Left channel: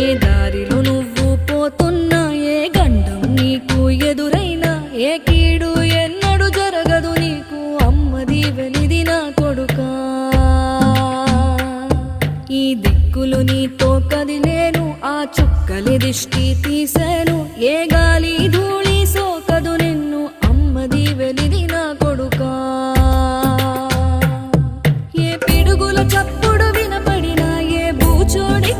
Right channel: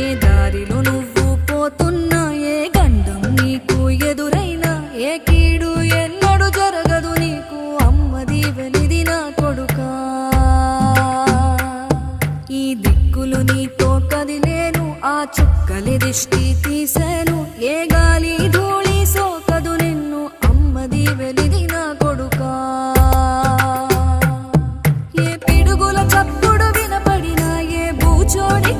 ఏ దారిలో నువ్వు పోతున్నా, ఏ గండం నీకు ఎదురైనా, ఏ కీడు ఎన్నడు జరగదు నీకు, అమ్మ దీవెనిది నా కొడుకా. ఈ దిక్కులు నీతో కదిలేను, ఆ చుక్కలి దిష్టి తీసేను, ఏ గాలి ధూళి సోకదు నిన్ను, అమ్మ దీవెనిది నా కొడుకా. ఏ పిడుగుల చప్పుడు వినపడినా, ఏ బూచోడి